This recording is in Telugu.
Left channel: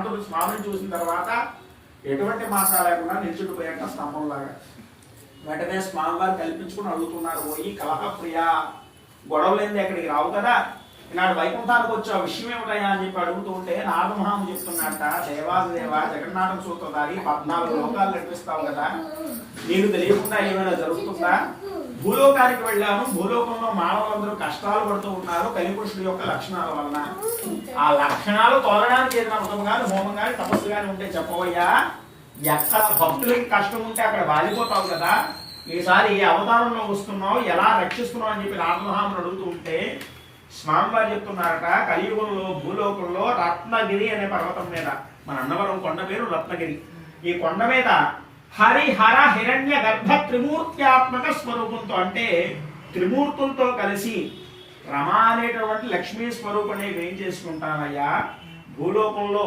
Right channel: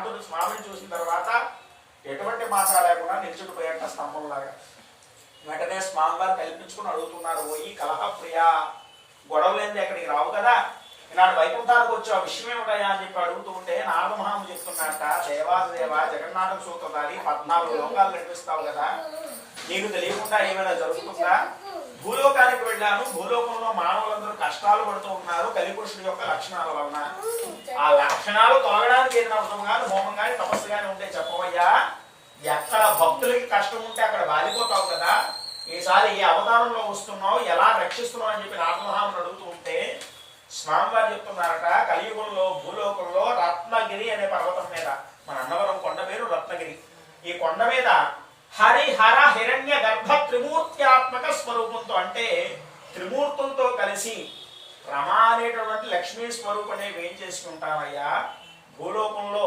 భగవంతుడు స్వామిని చూసిన తర్వాత ఎటువంటి మాట లేకుండా నిల్చుకుపోయాక స్తంభంలాగా. వెంటనే స్వామివారు కల్పించుకుని అడుగుతున్నారు, పోయి కలహప్రియ, గొడవలేంది ఎక్కడికి రావు కదా, ఇలాంటి వైకుంఠానికి వచ్చి ఆ విషయం ఏమిటయా అని చెప్పి అడుగుతూ ఉంటే నారదమహాము చెప్తున్నట్ట, దేవాదిదేవ జగన్నాథ సూత్రధారి 14 లోకాలు నడిపిస్తావు కదా, నీకు తెలియకుండా ఏమైనా జరుగుతుందా? భూలోకానికి వెళ్ళాను, భూలోకంలో మానవులందరూ కష్టాలు పడుతూ ఉన్నారు కలిపురుషుడి యొక్క లక్షణాల వలన. ఆ లక్షణాలు తోలడానికి ఏదైనా వ్రతం కానీ హోమం కానీ తపస్సు కానీ ఉంటే చెప్పవయ్యా. ఎక్కడ భక్తులకి కష్టం ఉంటే అక్కడ వాలిపోతావు కదా, ఈసారి ఏ అవతారంలో వస్తున్నావు, ఎలా రక్షిస్తున్నావు అని చెప్పి నారదమహాముని అడుగుతూ ఉంటే స్వామివారు చెప్తున్నారట, కలియుగంలో భూలోకంలో రత్నగిరి అనే పర్వతం మీద, మన అన్నవరం కొండ పేరు రత్నగిరి, ఈ కొండ మీద హరిహర హిరణ్య గర్భ త్రిమూర్త్యాత్మక స్వరూపంతో, అంటే త్రిమూర్తులతో కలిసి రమ అనేటటువంటి లక్ష్మీ స్వరూపనే వేం చేసుకుంటామయ్యా. భూలోకంలో